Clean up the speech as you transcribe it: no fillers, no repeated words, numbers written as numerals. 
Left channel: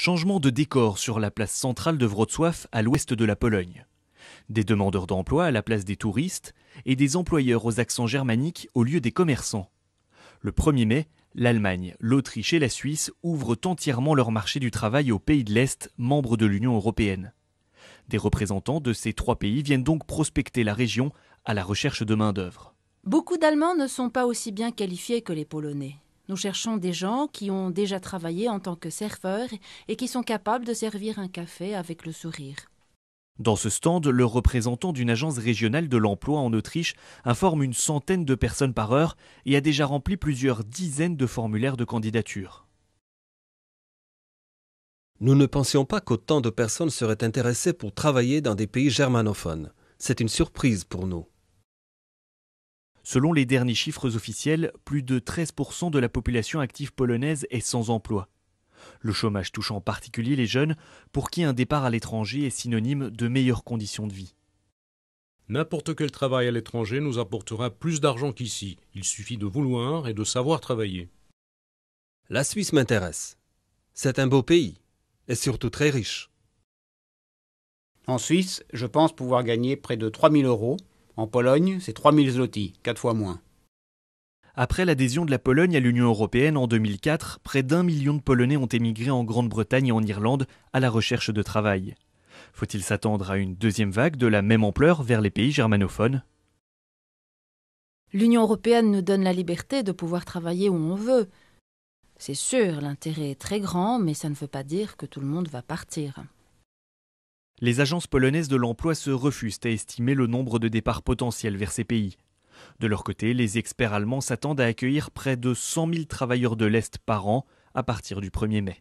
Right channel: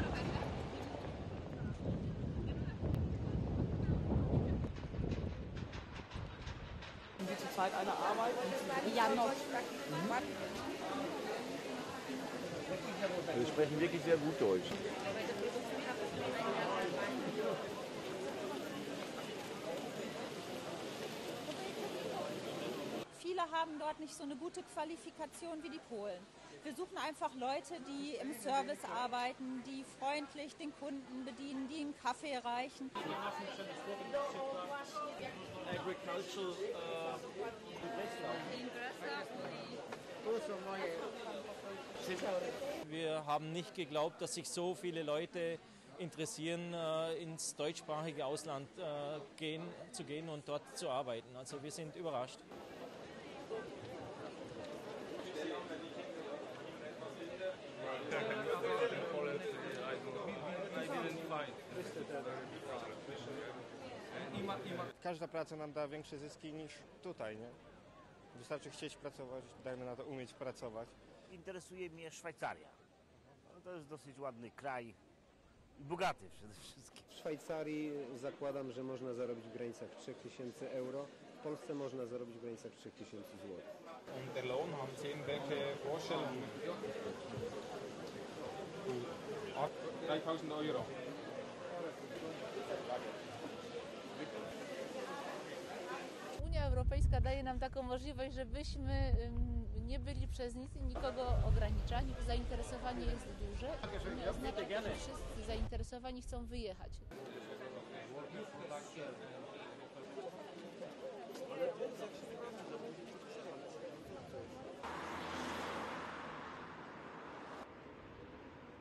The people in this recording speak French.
Changement de décor sur la place centrale de Wrocław, à l'ouest de la Pologne. Des demandeurs d'emploi à la place des touristes et des employeurs aux accents germaniques au lieu des commerçants. Le 1er mai, l'Allemagne, l'Autriche et la Suisse ouvrent entièrement leur marché du travail aux pays de l'Est, membres de l'Union européenne. Des représentants de ces 3 pays viennent donc prospecter la région à la recherche de main-d'œuvre. Beaucoup d'Allemands ne sont pas aussi bien qualifiés que les Polonais. Nous cherchons des gens qui ont déjà travaillé en tant que serveurs et qui sont capables de servir un café avec le sourire. Dans ce stand, le représentant d'une agence régionale de l'emploi en Autriche informe une centaine de personnes par heure et a déjà rempli plusieurs dizaines de formulaires de candidature. Nous ne pensions pas qu'autant de personnes seraient intéressées pour travailler dans des pays germanophones. C'est une surprise pour nous. Selon les derniers chiffres officiels, plus de 13% de la population active polonaise est sans emploi. Le chômage touche en particulier les jeunes, pour qui un départ à l'étranger est synonyme de meilleures conditions de vie. N'importe quel travail à l'étranger nous apportera plus d'argent qu'ici. Il suffit de vouloir et de savoir travailler. La Suisse m'intéresse. C'est un beau pays et surtout très riche. En Suisse, je pense pouvoir gagner près de 3 000 €. En Pologne, c'est 3 000 zloty, 4 fois moins. Après l'adhésion de la Pologne à l'Union européenne en 2004, près d'1 million de Polonais ont émigré en Grande-Bretagne et en Irlande à la recherche de travail. Faut-il s'attendre à une deuxième vague de la même ampleur vers les pays germanophones? L'Union européenne nous donne la liberté de pouvoir travailler où on veut. C'est sûr, l'intérêt est très grand, mais ça ne veut pas dire que tout le monde va partir. Les agences polonaises de l'emploi se refusent à estimer le nombre de départs potentiels vers ces pays. De leur côté, les experts allemands s'attendent à accueillir près de 100 000 travailleurs de l'Est par an à partir du 1er mai.